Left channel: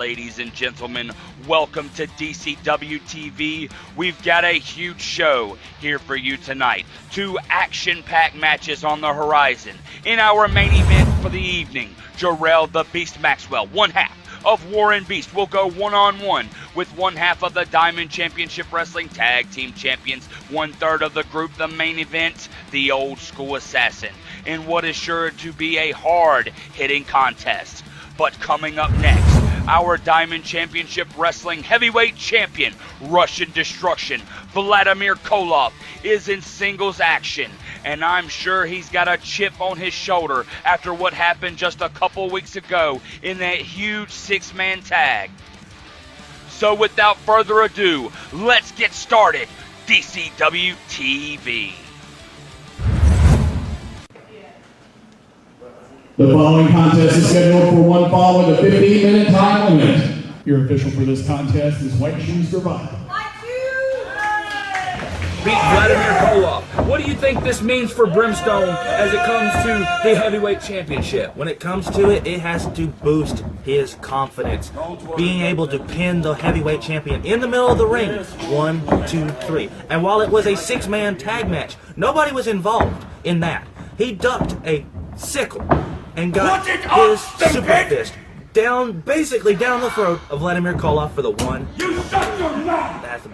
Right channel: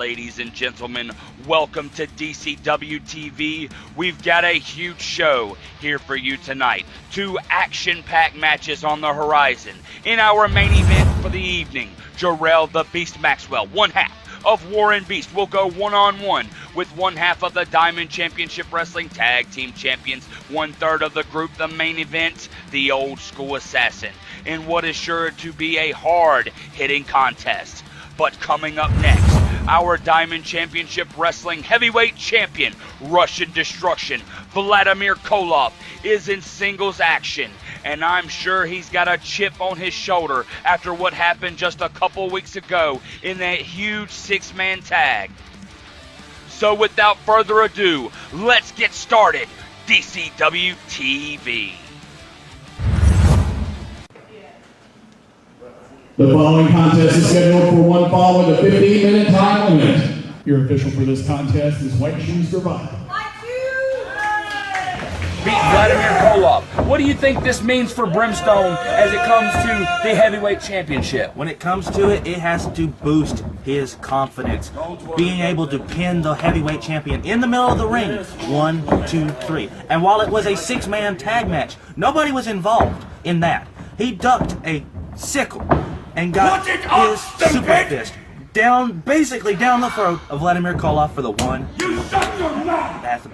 ladies and gentlemen. Welcome to DCW-TV. We've got a huge show here for you tonight. 2 action-packed matches on the horizon. In our main event for the evening, Jarrell the Beast Maxwell, one half of Warren Beast, will go one-on-one with one half of the Diamond Championship Wrestling Tag Team Champions, 1/3 of the group, the main event, the Old School Assassin, in what is sure to be a hard-hitting contest. But coming up next, our Diamond Championship Wrestling Heavyweight Champion, Russian Destruction, Vladimir Koloff, is in singles action. And I'm sure he's got a chip on his shoulder after what happened just a couple weeks ago in that huge 6-man tag. So without further ado, let's get started. DCW TV. The following contest is scheduled for one fall with a 15-minute time limit. Your official for this contest is White Shoes Gravata. Beat Vladimir Koloff. What do you think this means for Brimstone as it comes to the heavyweight championship? When it comes to it, it has to boost his confidence. Being able to pin the heavyweight champion in the middle of the ring. 1, 2, 3. And while it was a 6-man tag match, nobody was involved in that. He ducked a sickle and got his super fist basically down the throat of Vladimir Koloff for the one.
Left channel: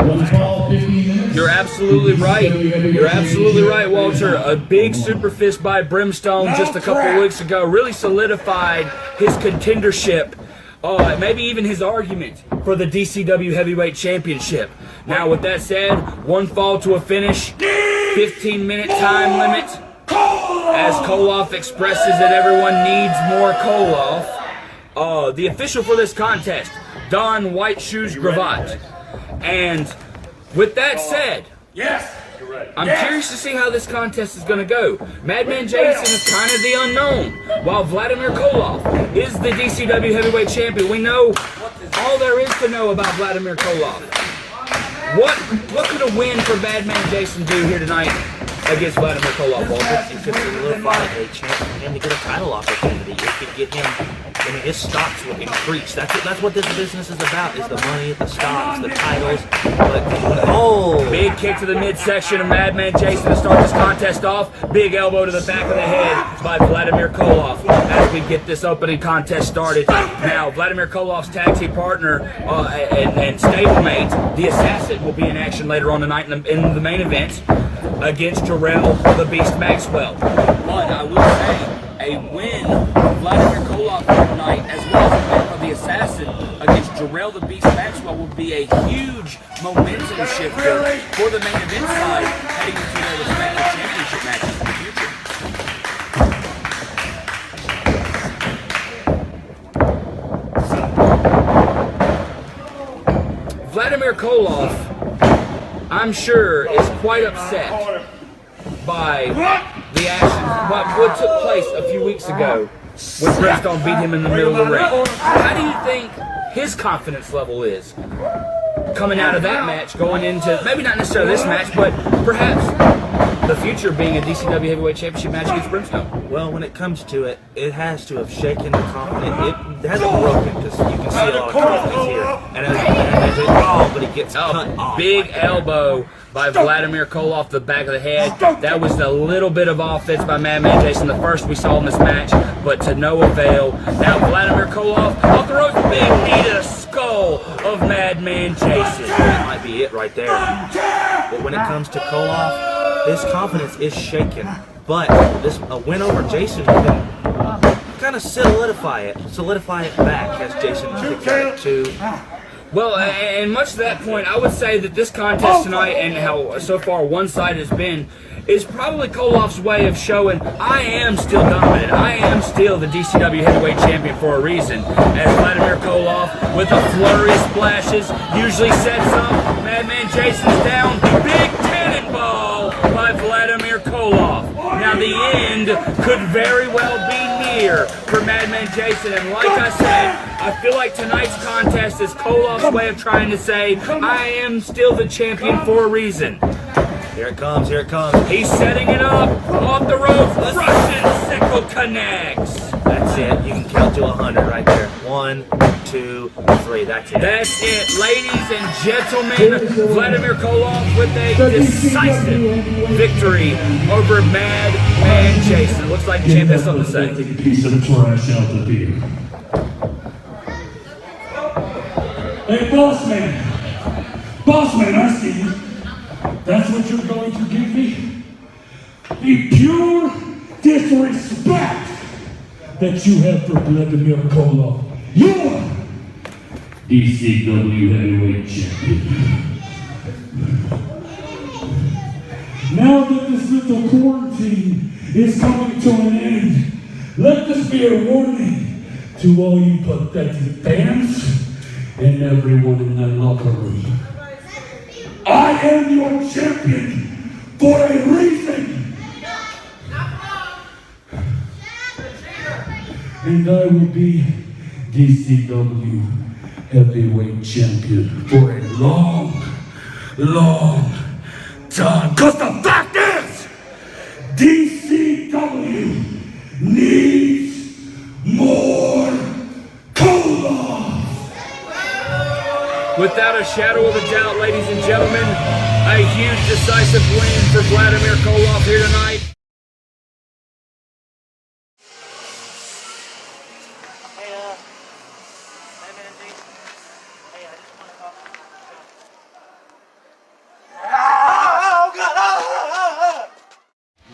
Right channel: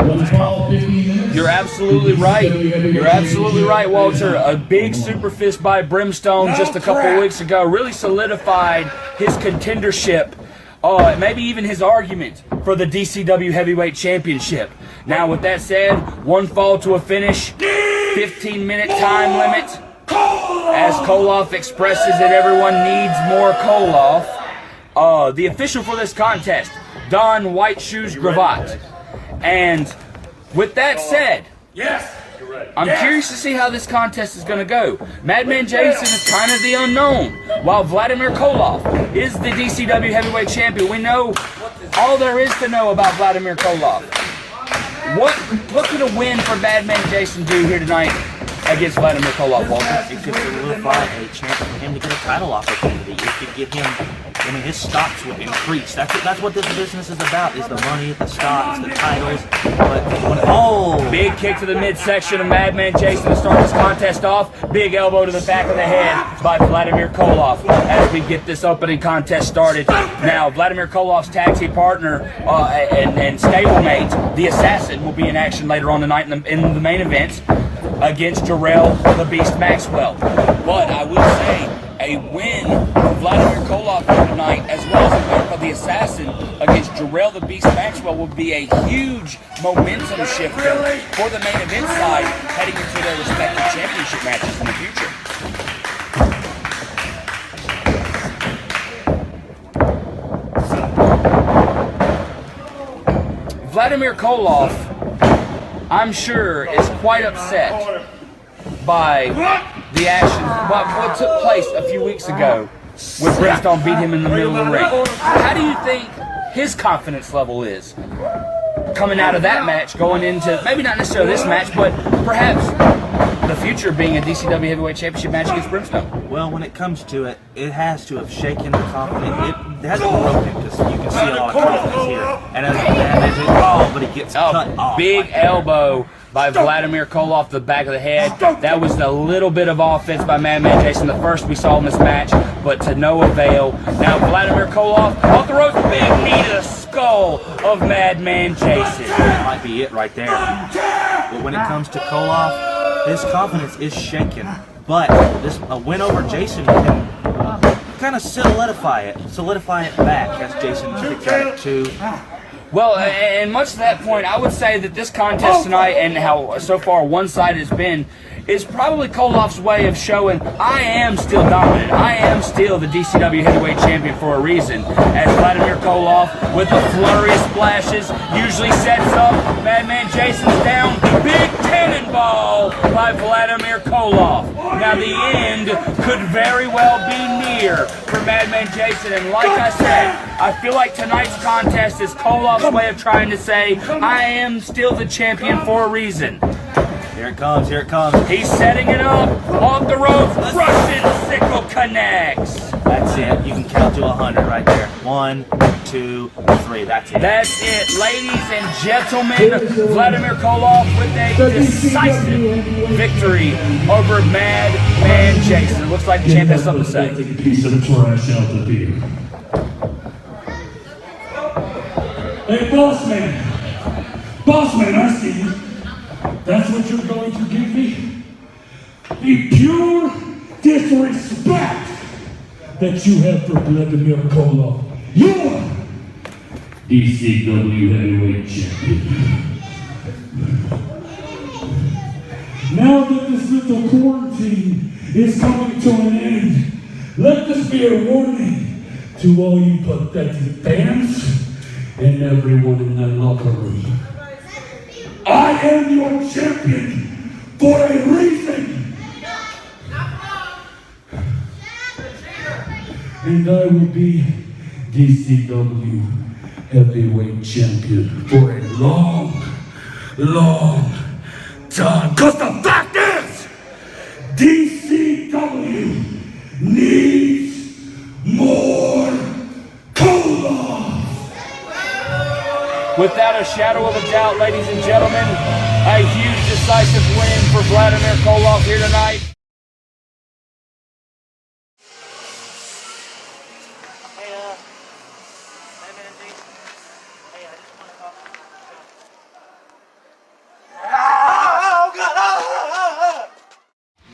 One fall, 15 minutes. You're absolutely right. You're absolutely right, Walter. A big super fist by Brimstone just a couple weeks ago really solidified his contendership, maybe even his argument for the DCW Heavyweight Championship. Now, with that said, one fall to a finish, 15-minute time limit. As Koloff expresses that everyone needs more Koloff. The official for this contest, Don White Shoes Gravatt. And with that said, I'm curious to see how this contest is going to go. Madman Jason is kind of the unknown, while Vladimir Koloff is the DCW Heavyweight Champion. We know all there is to know about Vladimir Koloff. What can a win for Madman Jason do here tonight against Vladimir Koloff? You could solidify a chance for him to get a title opportunity. It could get him, and his stocks will increase. That's what this business is about, is the money, the stocks, the titles. Big kick to the midsection of Madman Jason to start this contest off. Big elbow to the back of the head by Vladimir Koloff as we get this opening contest started. Now, Vladimir Koloff's tag team partner and stablemate, the Assassin, will be in action later on tonight in the main event against Jarrell the Beast Maxwell. But I would say a win for Vladimir Koloff tonight, as well as a win of the Assassin against Jarrell the Beast Maxwell, would be a huge momentum shifter for the main event side heading into their respective championship matches in the future. Vladimir Koloff, I'm sure, is quite upset by the action, what took place a few weeks ago when Brimstone beat him in the middle of the ring. How do you think his confidence level is coming out of that match, going into, maybe not necessarily this match, but perhaps the future being a DCW Heavyweight Championship match against Brimstone? Well, when it comes to it, it has to have shaken the confidence. It has to hold him, because you can see a lot of confidence here. And as it falls, but it gets cut off. Big elbow by Vladimir Koloff, the back of the head. That was a little bit of offense by Madman Jason, the first we saw in this match, but to no avail. Now Vladimir Koloff off the ropes, big knee to the skull of Madman Jason. That might be it right there. But when it comes to Koloff, his confidence is shaken. But a win over Jason can kind of solidify it back, as Jason took to. Well, and much to that point, I would say that this contest tonight, and how so far one side has been, is probably Koloff's way of showing I am still dominant. I am still the DCW Heavyweight Champion for a reason. As Vladimir Koloff, with a flurry of splashes, usually sets up Madman Jason's down. Big cannonball by Vladimir Koloff. Now the end could very well be near for Madman Jason, and like I said, I feel like tonight's contest is Koloff's way of trying to say, I am still the champion for a reason. Here it comes, here it comes. He's setting it up, off the ropes, Russian sickle connects. That's it, you can count to 100 right there. 1, 2, 3. That's it. That's it, ladies and gentlemen. Vladimir Koloff with a decisive victory over Mad and Jason. Looks like the champ has something to say. Take a piece of the trash out the beer. Hey, boss man, I see you. That's what you're going to give me? The pure disrespect that you have for Vladimir Koloff. You're DCW Heavyweight Champion. Now that this little quarantine is coming to an end, let this be a warning to all you pathetic fans and everyone in that locker room. I am your champion for a reason. And I will be DCW Heavyweight Champion for a long, long time. Because the fact is, DCW needs more cola. Without a shadow of a doubt, ladies and gentlemen, a huge decisive win for Vladimir Koloff here tonight.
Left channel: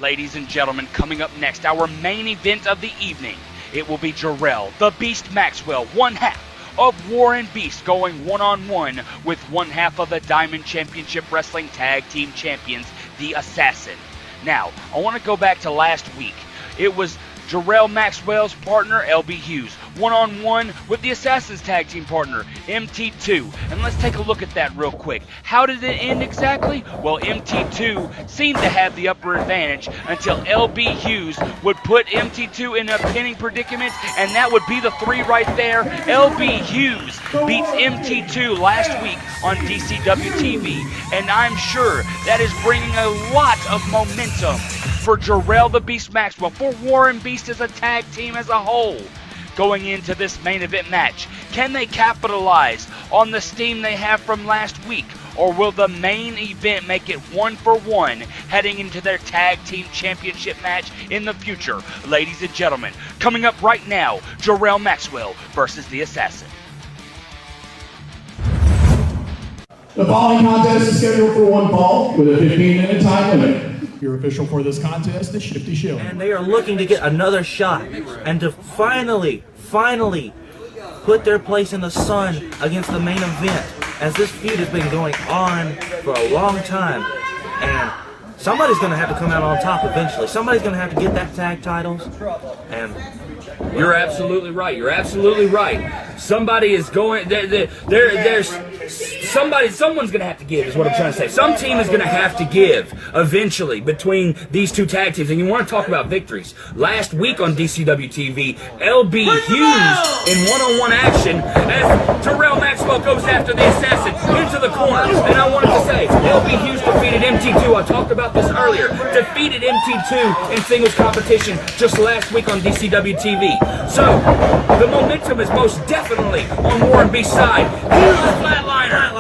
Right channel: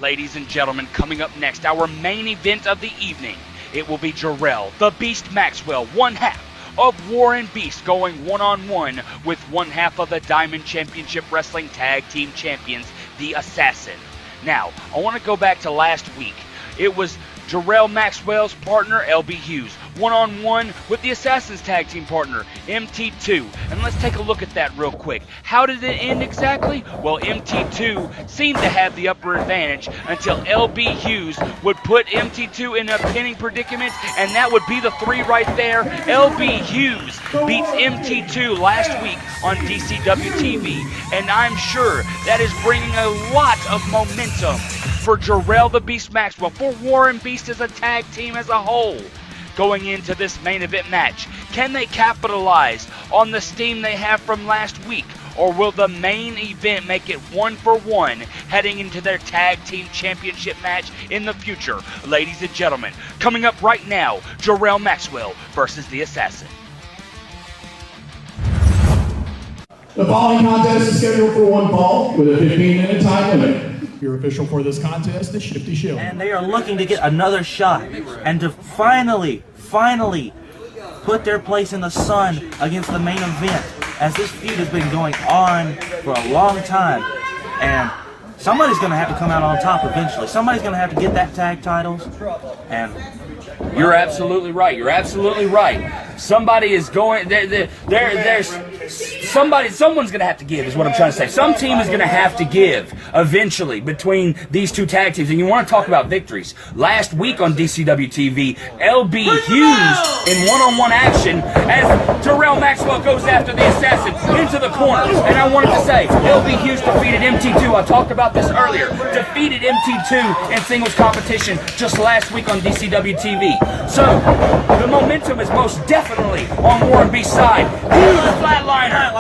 Ladies and gentlemen, coming up next, our main event of the evening. It will be Jarrell, the Beast Maxwell, one half of Warren Beast, going one-on-one with one half of the Diamond Championship Wrestling Tag Team Champions, the Assassin. Now, I want to go back to last week. It was Jarrell Maxwell's partner, LB Hughes, one-on-one with the Assassin's tag team partner, MT2. And let's take a look at that real quick. How did it end exactly? Well, MT2 seemed to have the upper advantage until LB Hughes would put MT2 in a pinning predicament, and that would be the 3 right there. LB Hughes beats MT2 last week on DCW-TV, and I'm sure that is bringing a lot of momentum for Jarrell the Beast Maxwell, for Warren Beast as a tag team as a whole. Going into this main event match, can they capitalize on the steam they have from last week, or will the main event make it 1-for-1 heading into their tag team championship match in the future? Ladies and gentlemen, coming up right now, Jarrell Maxwell versus the Assassin. The following contest is scheduled for one fall with a 15-minute time limit. Your official for this contest is Shifty Shield. And they are looking to get another shot and to finally put their place in the sun against the main event, as this feud has been going on for a long time. And somebody's going to have to come out on top eventually. Somebody's going to have to get that tag titles. And you're absolutely right. You're absolutely right. Somebody is going. Someone's going to have to give, is what I'm trying to say. Some team is going to have to give eventually between these two tag teams. And you want to talk about victories. Last week on DCW-TV, LB Hughes in one-on-one action as Jarrell Maxwell goes after the Assassin into the corner. And I wanted to say, LB Hughes defeated MT2. I talked about this earlier. Defeated MT2 in singles competition just last week on DCW-TV. So the momentum is most definitely on Warren Beast's side. Flatliner.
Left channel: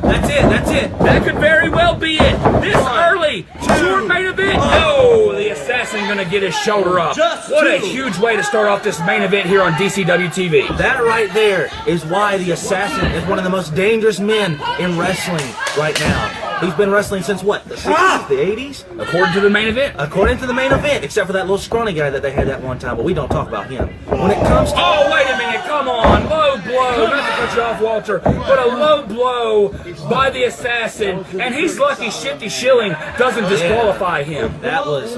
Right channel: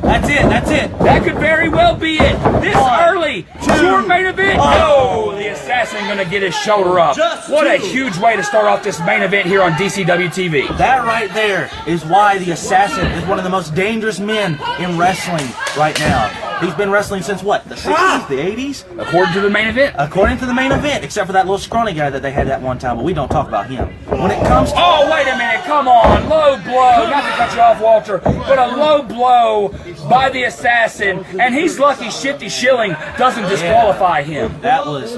That's it. That could very well be it. This early to your main event. Oh, the Assassin going to get his shoulder up. What a huge way to start off this main event here on DCW-TV. That right there is why the Assassin is one of the most dangerous men in wrestling right now. He's been wrestling since what? The 60s, the 80s? According to the main event. According to the main event, except for that little scrawny guy that they had that one time, but we don't talk about him. When it comes to... Oh, wait a minute, come on. Low blow. Not to cut you off, Walter, but a low blow by the Assassin, and he's lucky Shifty Schilling doesn't disqualify him. That was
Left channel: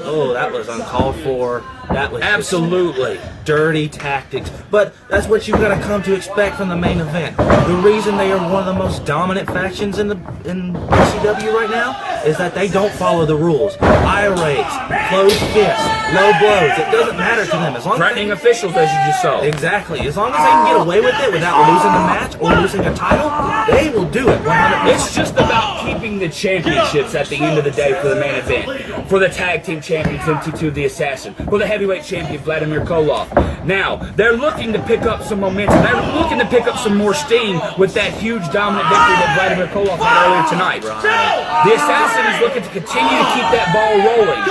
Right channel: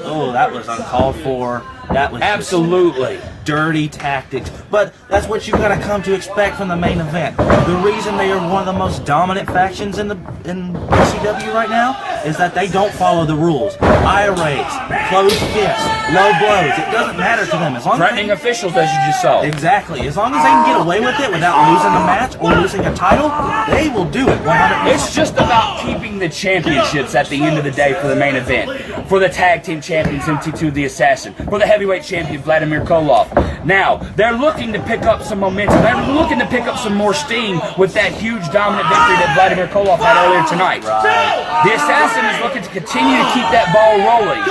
uncalled for. That was absolutely dirty tactics. But that's what you gotta come to expect from the main event. The reason they are one of the most dominant factions in DCW right now is that they don't follow the rules. Eye raids, closed fists, low blows. It doesn't matter to them. As long threatening officials, as you just saw. Exactly. As long as they can get away with it without losing the match or losing a title, they will do it. It's just about keeping defending the championships at the end of the day for the main event. For the tag team champions, MT2 the Assassin. For the heavyweight champion, Vladimir Koloff. Now, they're looking to pick up some momentum. They're looking to pick up some more steam with that huge dominant victory that Vladimir Koloff had earlier tonight. The Assassin is looking to continue to keep that ball rolling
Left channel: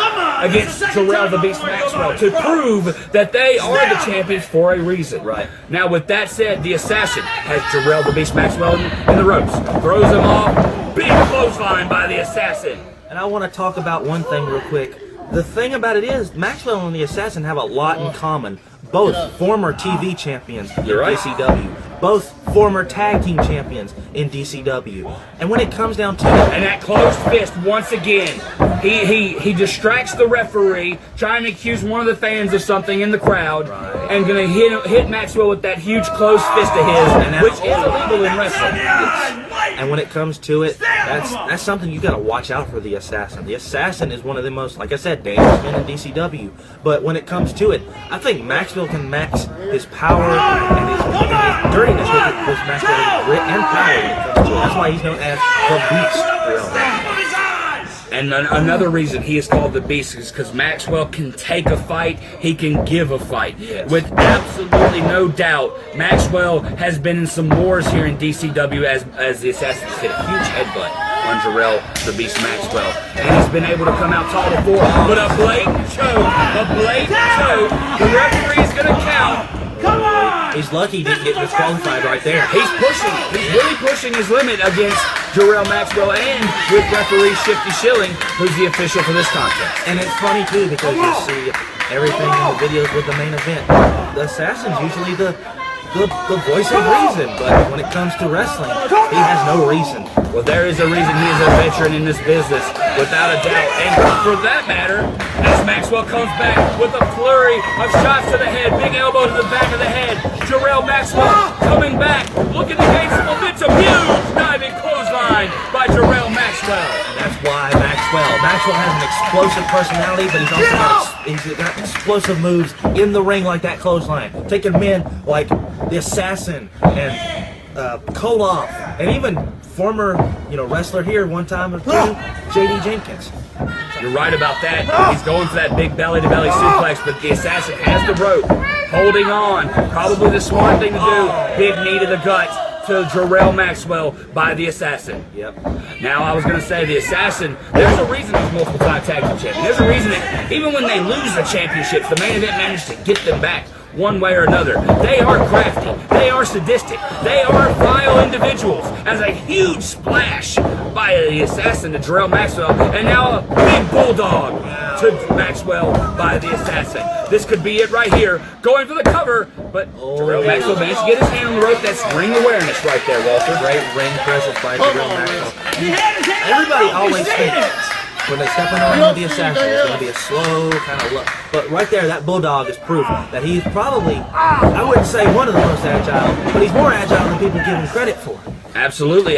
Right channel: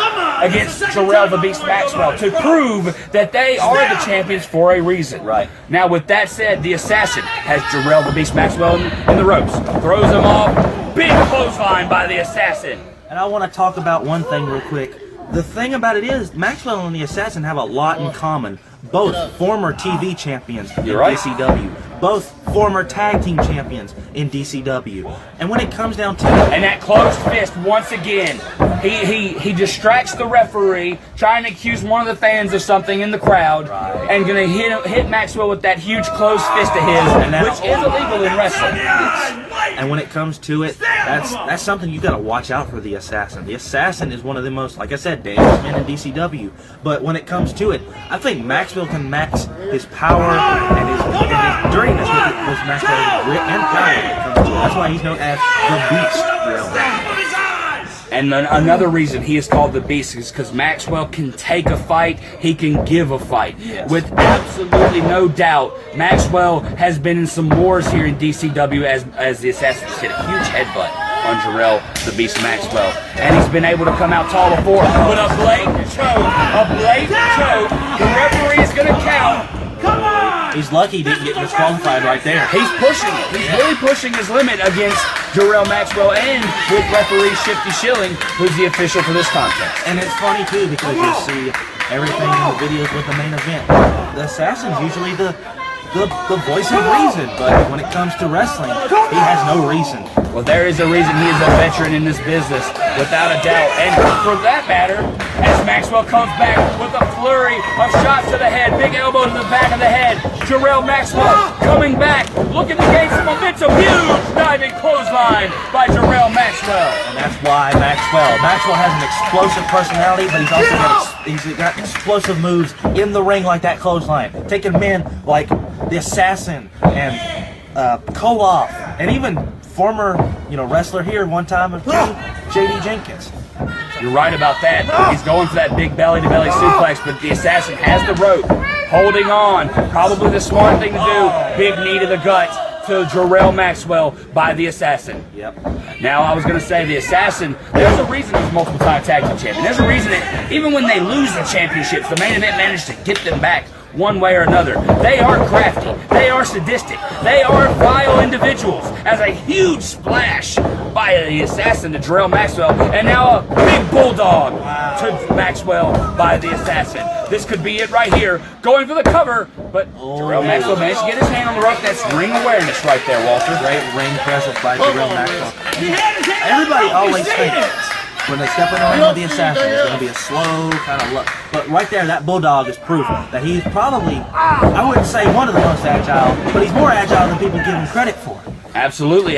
against Jarrell the Beast Maxwell to prove that they are the champions for a reason. Now, with that said, the Assassin has Jarrell the Beast Maxwell in the ropes. Throws him off. Big clothesline by the Assassin. And I want to talk about one thing real quick. The thing about it is, Maxwell and the Assassin have a lot in common. Both former TV champions in DCW. Both former tag team champions in DCW. And when it comes down to it, and that closed fist once again, he distracts the referee, trying to accuse one of the fans of something in the crowd, and gonna hit Maxwell with that huge closed fist of his, which is illegal in wrestling. And when it comes to it, that's something you gotta watch out for the Assassin. The Assassin is one of the most, like I said, dangerous men in DCW. But when it comes to it, I think Maxwell can max his power and his during this match, Maxwell and power. That's why he's known as the Beast. And another reason he is called the Beast is because Maxwell can take a fight, he can give a fight. Yes. With absolutely no doubt, Maxwell has been in some wars here in DCW as the Assassin hit a huge headbutt on Jarrell the Beast Maxwell. And he's been able to come out top of 4, but a blatant choke, the referee is going to count. Come on! He's lucky he didn't get disqualified right there. He's really pushing his limit against Jarrell Maxwell and with referee Shifty Schilling, who's the official for this contest. And it's funny too because you see everything in the videos with the main event. The Assassin's usually the voice of reason, but when it comes to wrestling, he has no reason. Well, there is a reason he is a veteran in this business, without a doubt. And for that matter, as Maxwell comes back with a flurry of shots to the head, big elbow to the back of the head, Jarrell Maxwell coming back, looking to gain some momentum, huge diving clothesline by Jarrell Maxwell. And that's why Maxwell has an explosive personality, but he's got explosive moves in the ring like that clothesline, taking men like the Assassin and Koloff, and even former wrestler here one time of J.D. Jenkins. You're right about that. He's going for that big belly-to-belly suplex, but the Assassin has the rope, holding on. Probably the smart thing to do. Big knee to the gut to Jarrell Maxwell by the Assassin. Yep. Now, I was going to say the Assassin, there's a reason he's multiple-time tag team champion. There's a reason that even when they lose the championships, the main event managed to get them back one way or another. They are crafty. They are sadistic. They are vile individuals. As a huge splash by the Assassin to Jarrell Maxwell, and now a big bulldog to Maxwell by the Assassin. This could be it right here. Going for the cover, but Jarrell Maxwell managed to get his hand on the rope. That's ring awareness right there, Walter. Great ring presence by Jarrell Maxwell. Everybody always thinks when they're stepping on the Assassin, it's going to be a slow kind of look. But right there, that bulldog is proof that he's probably, I wouldn't say one of the most agile, but he's more agile than people give him credit for. Absolutely.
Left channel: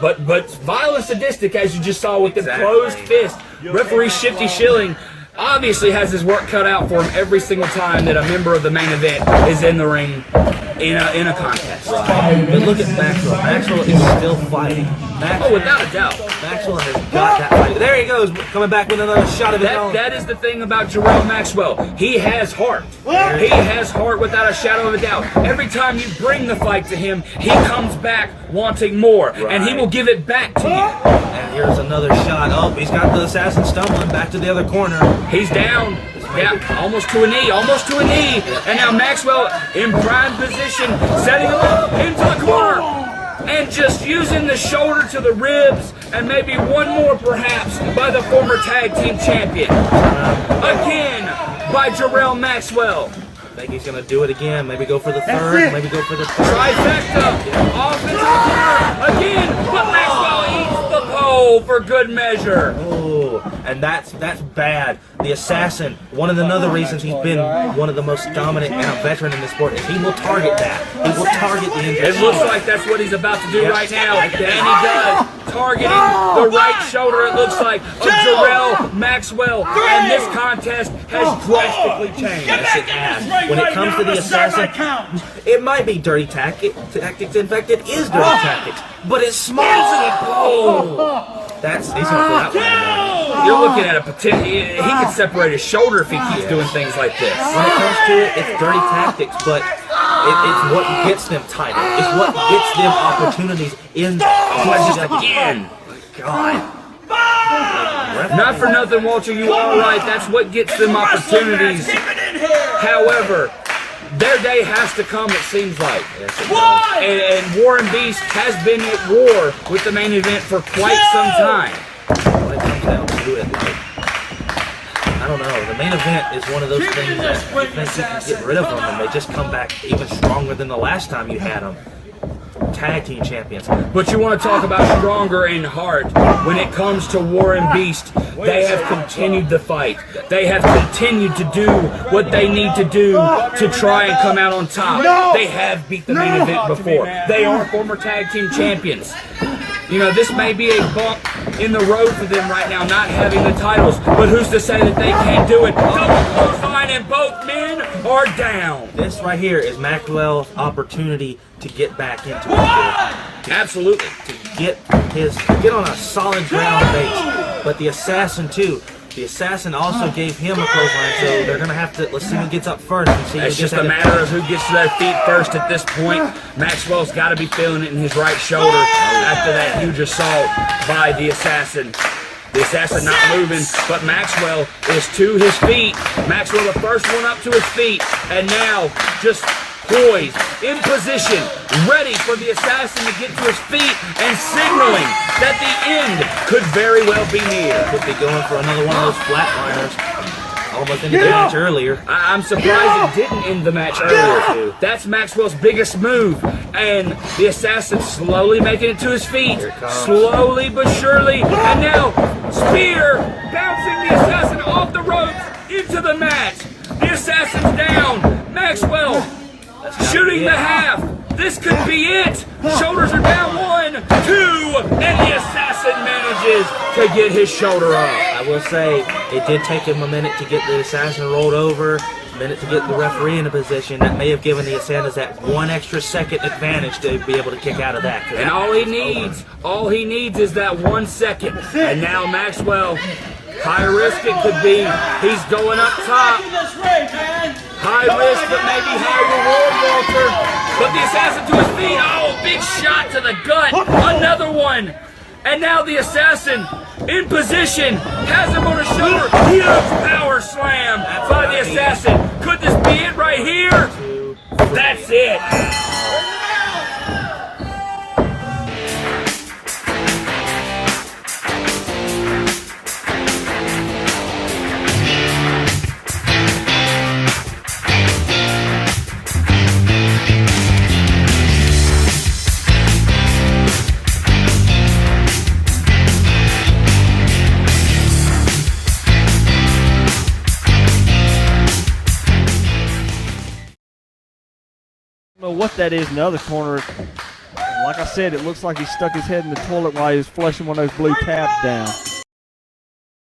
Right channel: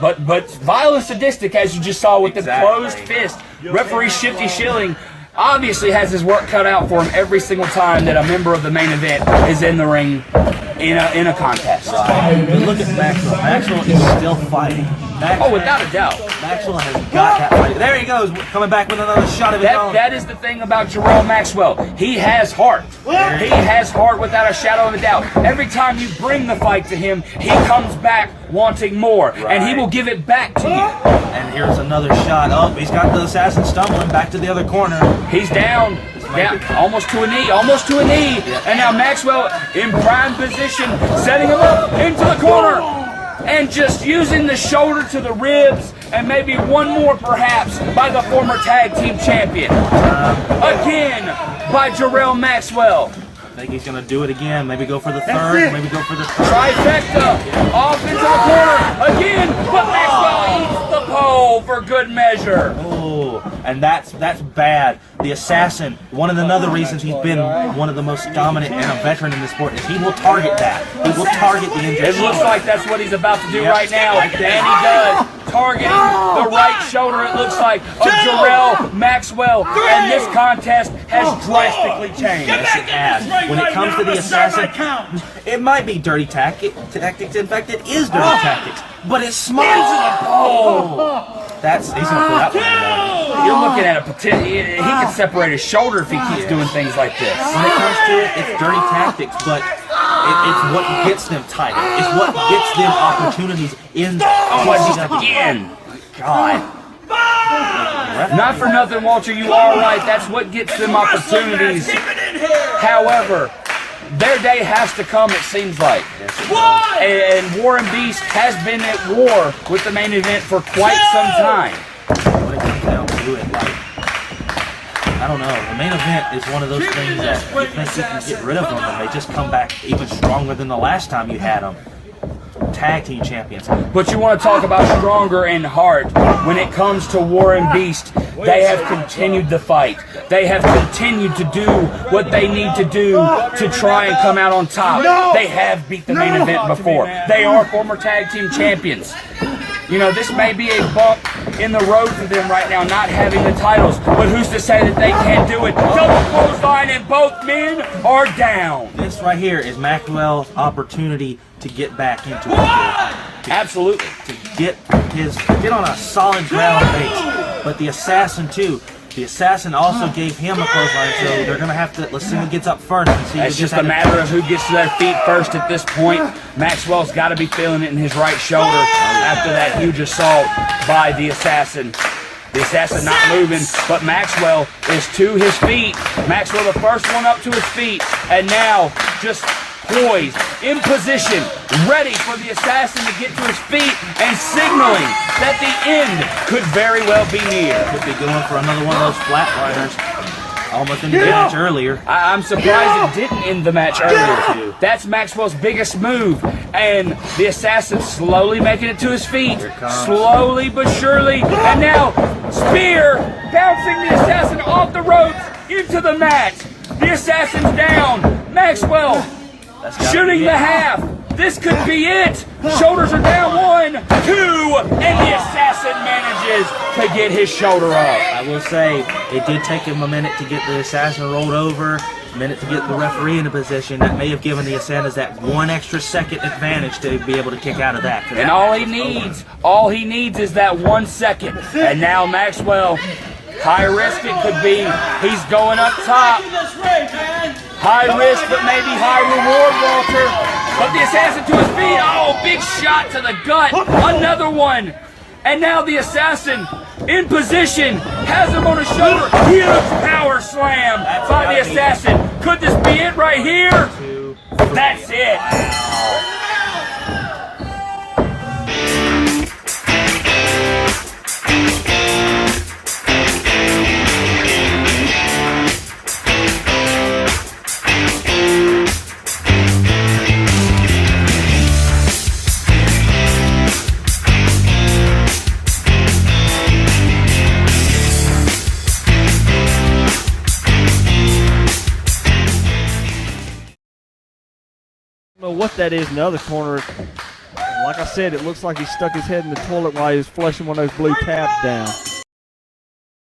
But vile and sadistic, as you just saw with the closed fist. Referee Shifty Schilling obviously has his work cut out for him every single time that a member of the main event is in the ring in a contest. And look at Maxwell. Maxwell is still fighting. Oh, without a doubt. Maxwell has got that. There he goes, coming back with another shot of his own. That is the thing about Jarrell Maxwell. He has heart. He has heart without a shadow of a doubt. Every time you bring the fight to him, he comes back wanting more, and he will give it back to you. And here's another shot. Oh, he's got the Assassin stumbling back to the other corner. He's down, almost to a knee, and now Maxwell in prime position, setting him up into the corner. And just using the shoulder to the ribs, and maybe one more perhaps by the former tag team champion. Again by Jarrell Maxwell. I think he's going to do it again. Maybe go for the third, maybe go for the Trifecta, off to the corner again, but Maxwell eats the pole for good measure. Oh, and that's bad. The Assassin, one of the other reasons he's been one of the most dominant and a veteran in the sport is he will target that. He will target the injured. It looks like that's what he's about to do right now. And he does. Targeting the right shoulder, it looks like, of Jarrell Maxwell. And this contest has drastically changed. When it comes to the Assassin, it might be dirty tactics. In fact, it is dirty tactics. But it's smart. Oh, that's You're looking at a potential. He could separate his shoulder if he keeps doing things like this. When it comes to it, it's dirty tactics, but it's what gets them tight. It's what gets them opportunities in again. God. Not for nothing, Walter. You are right. That's what gets them opportunities. However, their day has to come, it seems like. And Warren Beast has been at war with the main event for quite some time. I don't know. The main event is one of those things that you can get rid of them and they just come back even stronger than the last time you had them. Tag team champions. But you want to talk about stronger in heart. When it comes to Warren Beast, they have continued the fight. They have continued to do what they need to do to try and come out on top. They have beat the main event before. They are former tag team champions. You know, this may be a bump in the road for them right now, not having the titles, but who's to say that they can't do it? Double fine and both men are down. This right here is Maxwell's opportunity to get back into it. Absolutely. To get on a solid ground base. But the Assassin too. The Assassin also gave him a clothesline, so they're going to have to, let's see who gets up first. And see it's just a matter of who gets to their feet first at this point. Maxwell's got to be feeling it in his right shoulder after that huge assault by the Assassin. The Assassin not moving, but Maxwell is to his feet. Maxwell the first one up to his feet, and now just poised, in position, ready for the Assassin to get to his feet and signaling that the end could very well be near. Could be going for another one of those flatliners. Almost ended the match earlier. I'm surprised it didn't end the match earlier. That's Maxwell's biggest move. And the Assassin slowly making it to his feet. Slowly but surely. And now, spear bouncing the Assassin off the ropes into the mat. The Assassin's down. Maxwell shooting the half. This could be it. Shoulders are down 1, 2, and the Assassin manages to get his shoulder up. I will say, it did take him a minute to get the Assassin rolled over, a minute to get the referee in a position that may have given the Assassin that 1 extra second advantage to be able to kick out of that. And all he needs is that 1 second. And now Maxwell, high risk it could be. He's going up top. High risk, but maybe high reward, Walter. But the Assassin to his feet. Oh, big shot to the gut. Another one. And now the Assassin in position. Has him on his shoulder. Huge power slam by the Assassin. Could this be it right here? That's it. I don't know what that is in the other corner. Like I said, it looks like he stuck his head in the toilet while he was flushing one of those blue tabs down.